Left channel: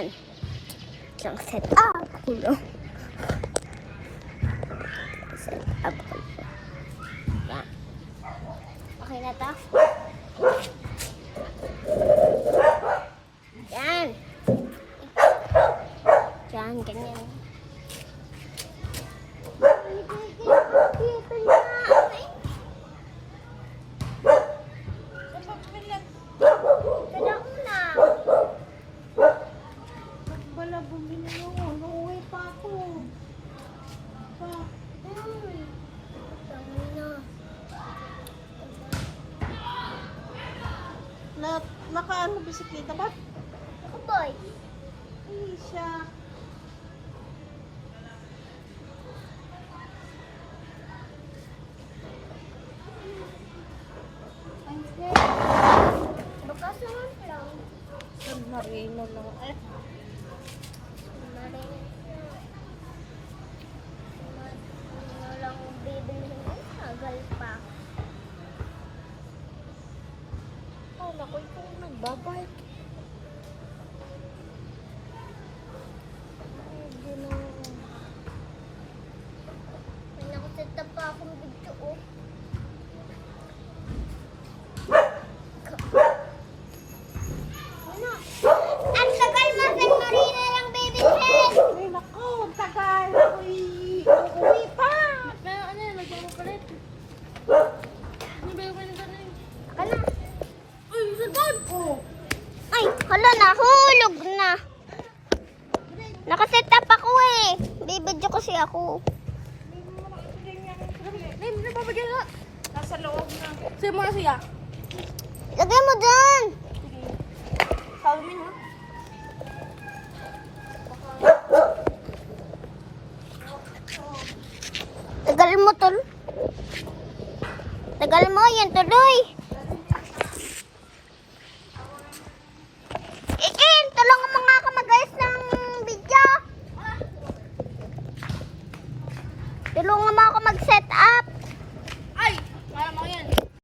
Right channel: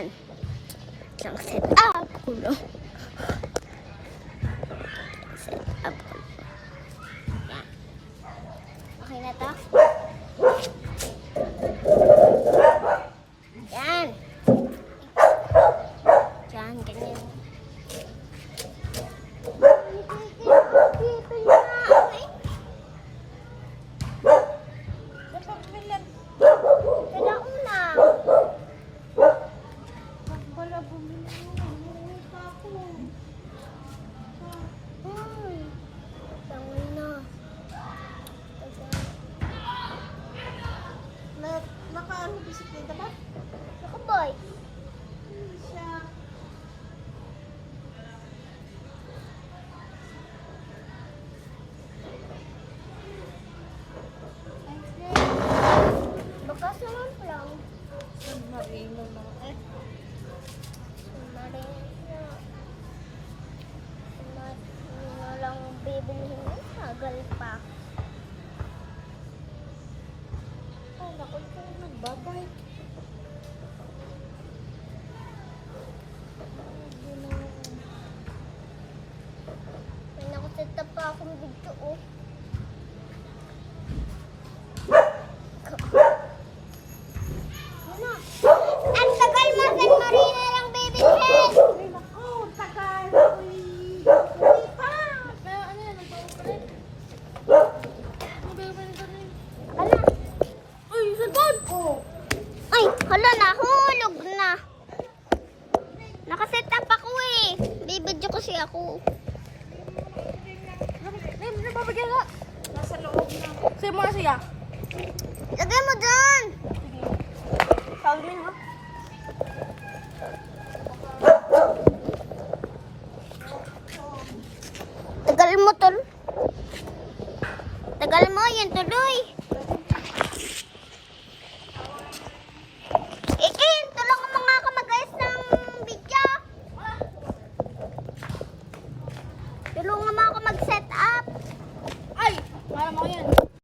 Yan. Isang set up ko. Set up ko. Yan. Okay na to? Yan. Yan, ganyan. Dito na. Wala ko na. Wala bumili ako. Nauwi pa ako. Uy. Tangan na. Nakaan mo bisikleta ba? Nakaboy. Ay, siya. Bakas naman lang. Marino lang. Marino lang bibilihin mo. Tagal pa. Ay, naku, ikaw nagbabay. May nakasita pa akong video. Oh. Ano? Ang tagal mo, San Marino lang bibilihin. Ay, naku, tagal. Uwi pa. Pero ano yan, nagpapalit. Ano? Uy, sagad. Oh. Ay, hala, nahulog na. Nakaset up ako eh. Bibidyo kasi ako. Nasa loob na. Sino mo siya? Lagay mo dun. Sabi mo. Tagal mo tol. Tagal mo, yan tuloy. Ikin, tulungan mo nga ako mag-ayos ng video. Tulungan mo ako mag-set up. Ay! Wala mo yan.